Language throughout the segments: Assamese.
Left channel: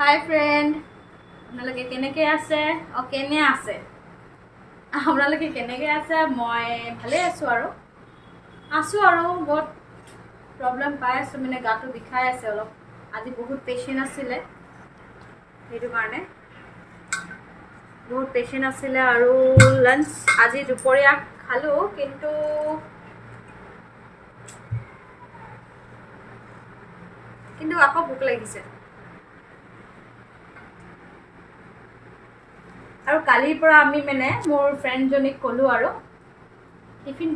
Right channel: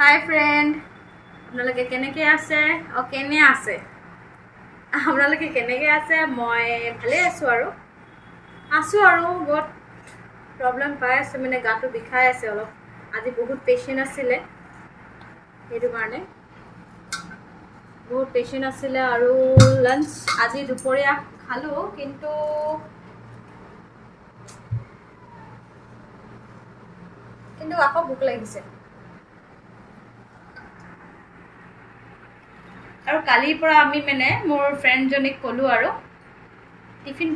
হাই ফ্ৰেণ্ড, আপোনালোকে কেনেকৈ আছে? কেনে আছে আপোনালোকে কেনেকৈ আছে? মই ভালেই আছোঁ আৰু বহুত প্ৰব্লেম পাই আছোঁ, মানে গাটো বিষাই আছে অলপ। আজি বহুত পেচেণ্ট আছিলে, সেইটো কাৰণে বহুত পেচেণ্ট আছিলে। আৰু লাঞ্চ আজি দুপৰীয়া খালোঁ, কিন্তু আকৌ ভোক লাগিছে। আৰু কালিৰ পৰা আমি মানে মোৰ ফ্ৰেণ্ডজনীক ক'লোঁ আৰু টিফিন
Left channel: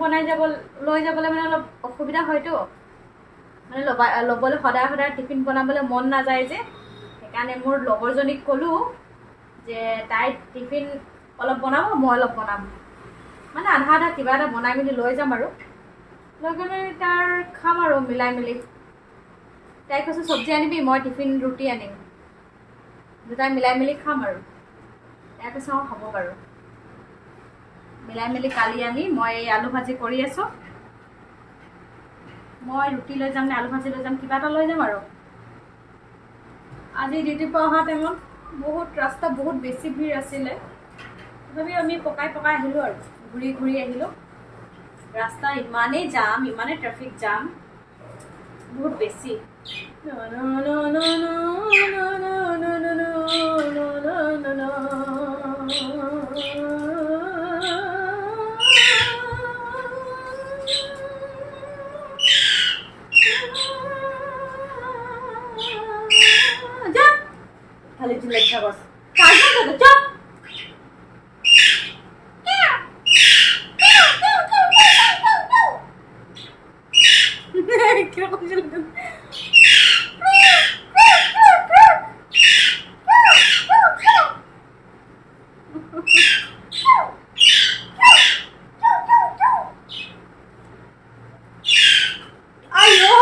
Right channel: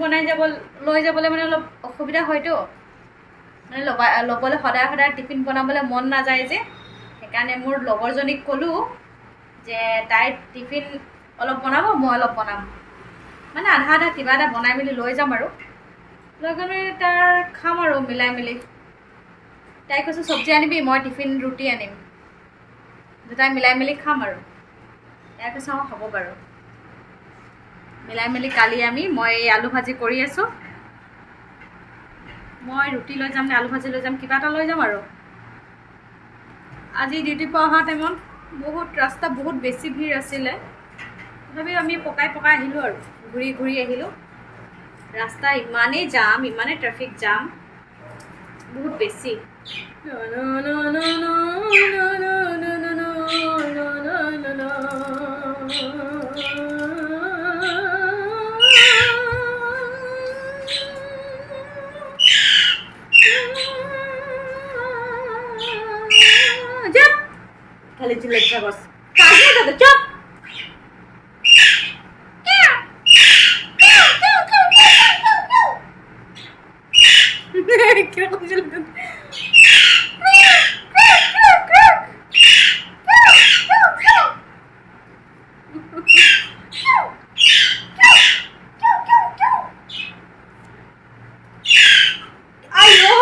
লৈ যাবলৈ মানে অলপ অসুবিধা হয়তো, মানে ল'বলৈ সদায় টিফিন বনাবলৈ মন নাযায় যে, সেইকাৰণে মোৰ লগৰজনীক ক'লোঁ যে তাই টিফিন অলপ বনাব, মই অলপ বনাম, মানে আধা কিবা এটা বনাই মেলি লৈ যাম আৰু লৈ গ'লে তাৰ খাম আৰু মিলাই মেলি। তাই কৈছে চব্জি আনিবি, মই টিফিন ৰুটি আনিম, দুটাই মিলাই মেলি খাম আৰু। তাই কৈছে হ'ব বাৰু, মিলাই মেলি কালি মই আলু ভাজি কৰি আছোঁ। মই ৰুটি লৈ যাম নে আলু ভাজি লৈ যাম, কিবা এটা লৈ যাম আৰু। আজি ডিউটিৰ পৰা অহা টাইমত ৰাস্তা বহুত বেছি ভিৰ আছিলে, তথাপিও আমি পকাই আহিলোঁ আৰু ঘূৰি আহিলোঁ। ৰাস্তা ইমানেই জাম, ইমানেই ট্ৰেফিক জাম, বহুত বেছি। খালি চিল্লাই থাকস কাজে দাদা চুপ। কিরকম চিল্লাই আইয়ো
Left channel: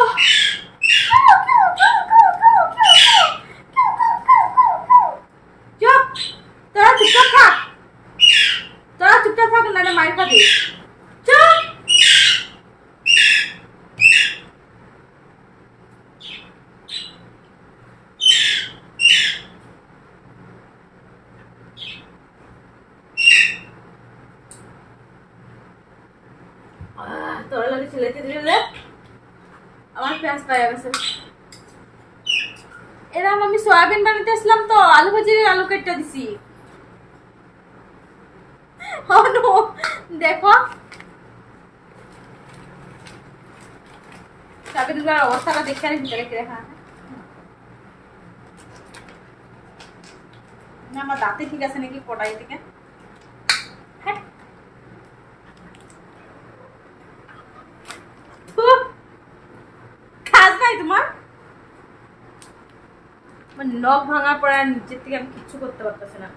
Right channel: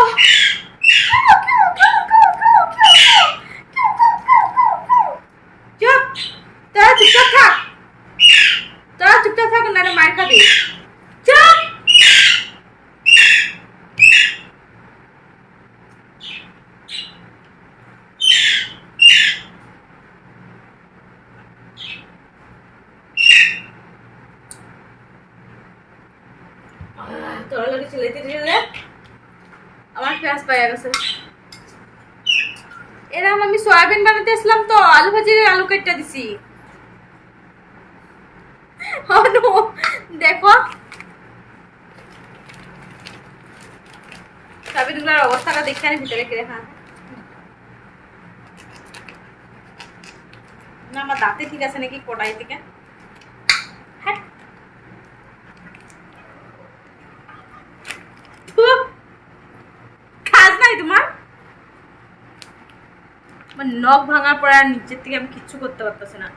চুপচাপ থাক না মায়ের খাবি। চুপ। তোর লাগে চিল্লাইতে দিলে আমার ক্লাস পাই গেছে। এরকম আমি সয়াবিন বানাতে আসলাম, তো আলু ভাজির আলু কেটে দিছি। দেখো সয়াবিনগুলোর অবস্থাটা দেখে আমি ভিতরে রেখে দেখা না আমার দাঁতে ঠিক আছে নাকি কড়াই থেকে। কাজ নাই তোমার, নখ ভাঙার পর আর নিচের থেকে আমি কিচ্ছু করতে পারতেছি না।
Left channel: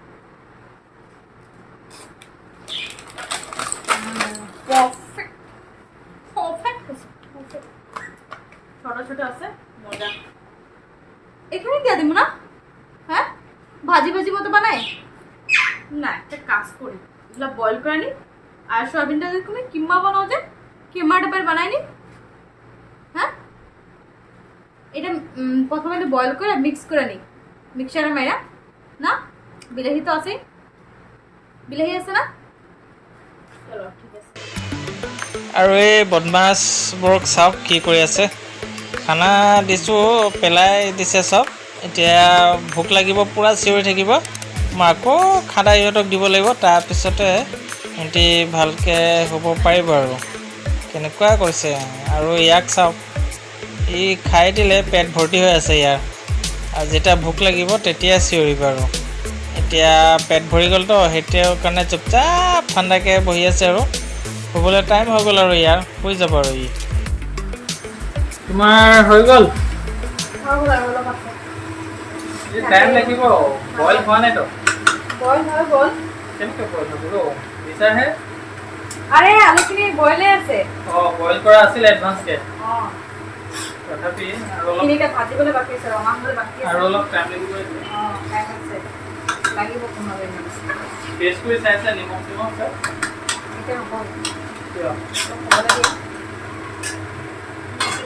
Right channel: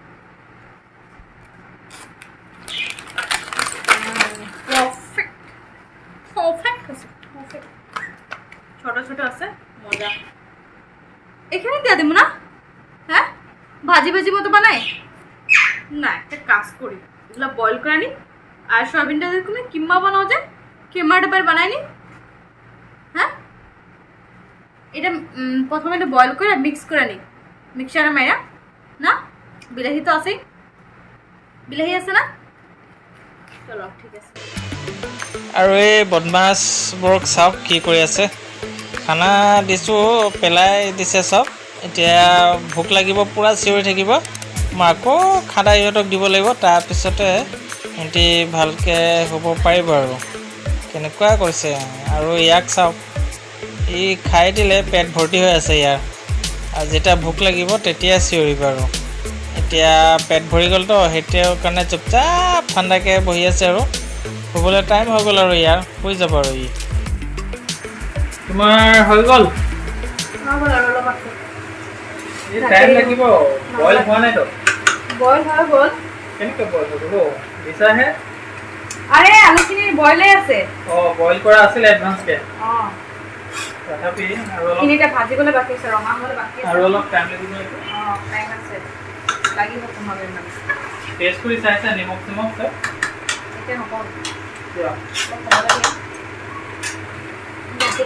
ছোট ছোট আছে, মজা। এখানে দিয়ে দেবো না? হ্যাঁ, ভাজি মতো বানাই না। একটা কাজ করি, এগুলো বয়েল করে নি, আর সয়াবিনটা এরকম কিম্মা বানাও যায়, কিম্মা টাইপের বানাই নি। হ্যাঁ, এটা প্রথমে এটা বয়েল করে মিক্স করে নিই মিক্সারে মাইরা। না বিলাহি তো আছেই, বিলাহি আছে না? চলো ঠিক আছে। আৰু এই বদমাছবোৰক চাওক কি কৰি আছে। খানা দিছোঁ, পেলাই দিছে চব। এতিয়া ভোক লাগিব, পূৰা চিঞৰি থাকিব। মই আকৌ খানা ইহঁতক দিব লাগিব, তাৰপিছতে সিহঁতি ভালকৈ হ'ব পাৰিব আৰু। কেনেকুৱা কৰিছে। আৰু ইয়াক চাওক, ই খাই দিলে পেট ভৰ্তি হৈ আছে ইয়াৰ, আৰু যেতিয়া ভোক লাগিব তেতিয়া চিঞৰিব আৰু। এতিয়া পেট ভৰি গ'লতো, সেইটোৰ কাৰণে চুপচাপ ঠাণ্ডাকৈ বহি আছে আৰু। শুবলৈ টাইম হৈ গ'ল আৰু ইয়াৰ, শুই যাব আৰু ই। তোমাৰ হৈ গ'ল? টাইম লাগিব, বইল হোৱা নাইতো। বইল হৈ গ'ল। কেনেকৈ বইল হৈ গ'ল? বিচাৰহে। আৰে আলুখিনি বইলে আছে। বইল কৰা আছিল এডভান্সকৈ। তথাপি আৰু অলপ ভাজিবলৈ বাকী আছে, ৰঙা হ'বলৈ বাকী আছে, আৰু অলপ টাইম লাগিব। টাইম আছে, লাগিব 15 মিনিট। টেষ্ট কৰি চাইছে নিমখ আছে? এতিয়া নকওঁ, কিয়?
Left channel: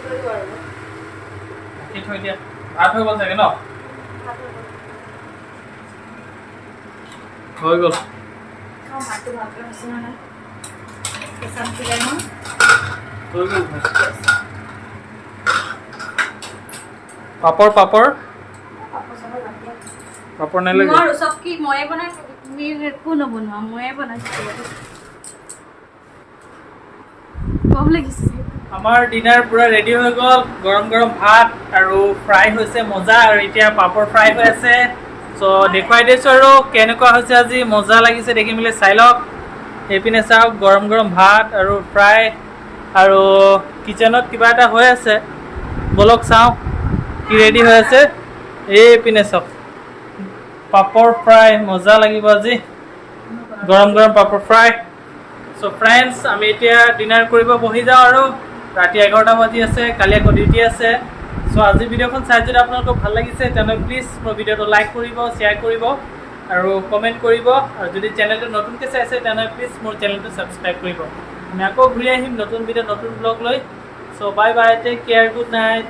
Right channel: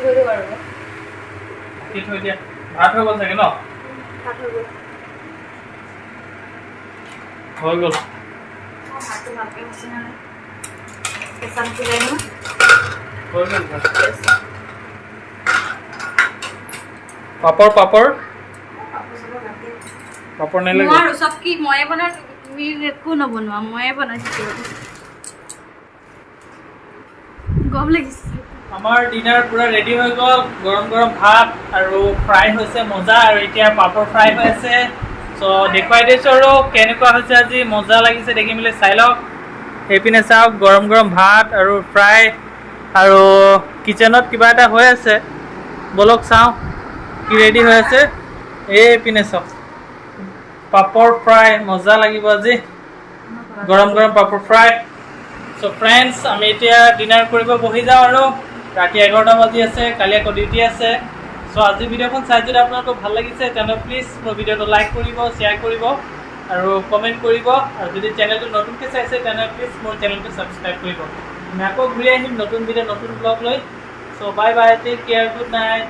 থৈ দিওঁ আৰু থৈ দিয়া। ভাত হৈ গ'ল চাগে ন? ভাত হৈ গ'ল। হৈ গ'ল ভাতটো ভালকৈ হৈছে নে নাই কেঁচা নিসিজাই নহয় হৈ গ'ল পাপৰ পাপৰ পাপৰ নালাগে নোৱাৰো চব কি ময়ে বনাইছো তুমি একো নবনোৱা ময়ে বনাইছো গৰম লাগিছে আমাৰ ডিনাৰ পুৰা ৰেডি হৈ গ'ল গৰম গৰম ভাত আৰু ফ্ৰাই হৈছে মজা আৰু এতিয়া পাপৰ ফ্ৰাই হৈ আছে চ' দেখুৱাই দিছোঁ আৰু কেনেকুৱা হৈছে আজি মজা লাগিছে দেখি মেলি চাই লওক সেইপিনে চাওক গৰম গৰম ভাত আৰু ফ্ৰাই আৰু কিচেনত কিবা এটা হৈ আছে বলক চাওঁ কি ৰেডি হৈ আছে এইপিনে চাওক পাপৰ ফ্ৰাই মজা লাগিব আজি গৰম গৰম পাপৰ ফ্ৰাই চ' ফ্ৰেণ্ডছ আমি এতিয়া ডিনাৰ কৰিব বহি যাওঁ আৰু ৰাতি 11টা বাজি আছে কালি আকৌ ডিউটি আছে চ' আজি ভিডিঅ'খন চাই যদি আপোনালোকক ভাল লাগিছে তেনেহ'লে প্লিজ মোৰ ভিডিঅ'টো লাইক কৰিব শ্বেয়াৰ কৰিব আৰু কমেণ্ট কৰিব আৰু যদি চেনেলটো নতুনকৈ চাইছে তেনেহ'লে প্লিজ মোৰ চেনেলটো ছাবস্ক্ৰাইব কৰিব আমি আকৌ ঘূৰি আহিম নতুন ভিডিঅ' নতুন ব্লগ লৈ চ' bye bye take care good night